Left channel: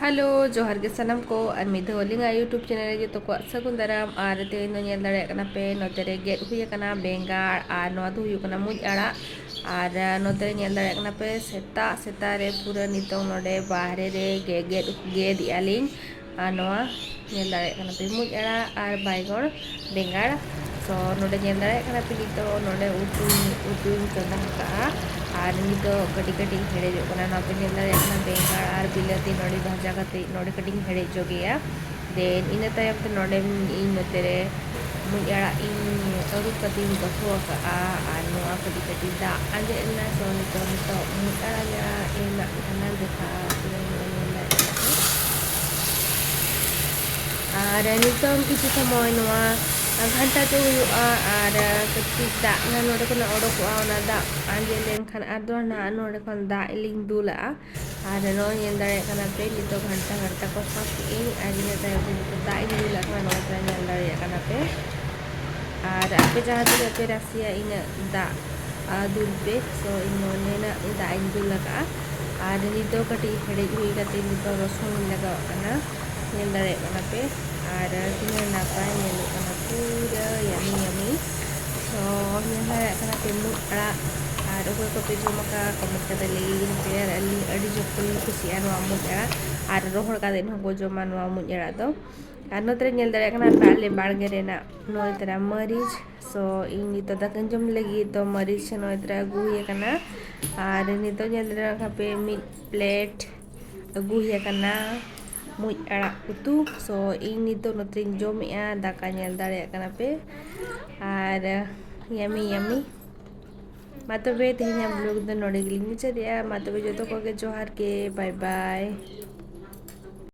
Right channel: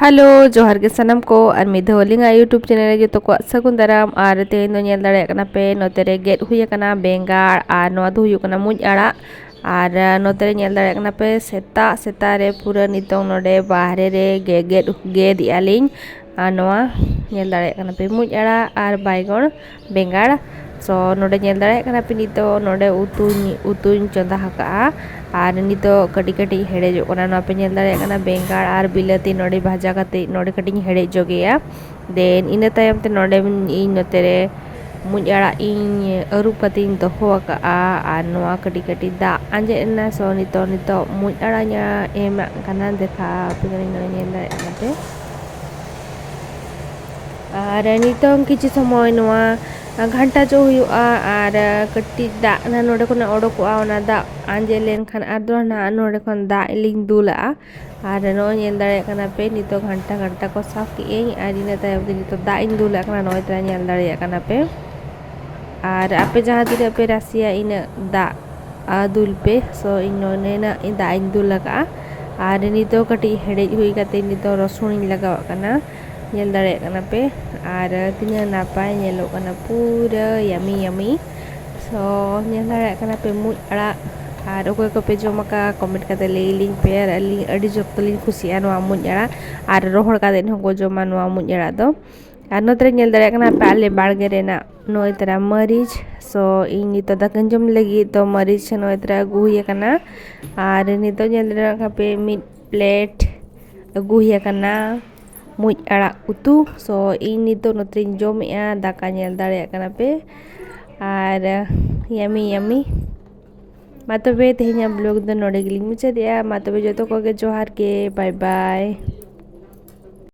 Hello जोहार के सनम को और मिधवलिंग यूट्यूब चैनल जो तो सगुन दाराम और तेन दो पे नोते रे गेट हुई कना बेंगाड़ और नोआ दो हुई कना मुज आड़ा और नोते रे पे सेता सेता रे पूरा नितों नोडे बाहरे रे गेद यालिंग और नोआ पे मुज आड़ा और बाइगण बेंगाड़ सो नोडे पे नितो नोडे उतुñ चंदा हका और नितो कटी कटी हेड़े पे बेंगाड़ और बिलाती नोड़े भाजा कते नोड़े कटी हेड़े जोगेया देन इन तायम ते नोड़े इन नोते रे मुझ आड़ा इन अरू कते दोहो और नोआ कटी कटी दा आंजे ना सो नितो मुझ आड़ा nya एम कना देखा पिन पे और नितो किसी समय नोआ घंटा जो हुआ और कटी दा ना नोड़े को ओडोकोआ ओना दा आंजे लेनखान आदो ना नोड़े खन दा लिंग दूला और नो ñel दाड़े कना पे नितो घंटा घंटा को साफ की और इन तायम पे नितो दा इन दूला कना नोय तरा ñel दाड़े कना पे और आपे जहाँ दिन पे रासिया इन दा दूल पे सो इन्होंने ना इन दा इन दूला का और नितो कटी हेड़े हुई कते नितो रसुन लगाव कना ñel दाड़े कना पे और तिना नापाय ñelo कना पूरा यमी यमी सो ñel दाड़े कना पे मुज आड़ा और अकोय को पे जोमका कमेंट करते लेलिंग पे और अली अडी जोक्तलिंग खुशिया नोआ मुज आड़ा और रोहड़ का दिन हो जोमा नोआ मुज आड़ा दो और नोतरे ñel दाड़े कना पे आले बाड़गे रेना नोय तरा मरीच सो इन नितो दाकन जम लगी तो मरीच नोय तरा अगु हुई कना और नितो ñel दाड़े कना पे मिड प्लेट अगु हुई कना मुज आड़ा उतु सो इन नितो नोतरिन जोमेआ दाका ñel दाड़े कना पे और यमी यमी मा तबे तेहेña ब्लॉग दो नोडे गिलिंग मुचादेया मा तबे जोतो को के जोहार के बाय बाय।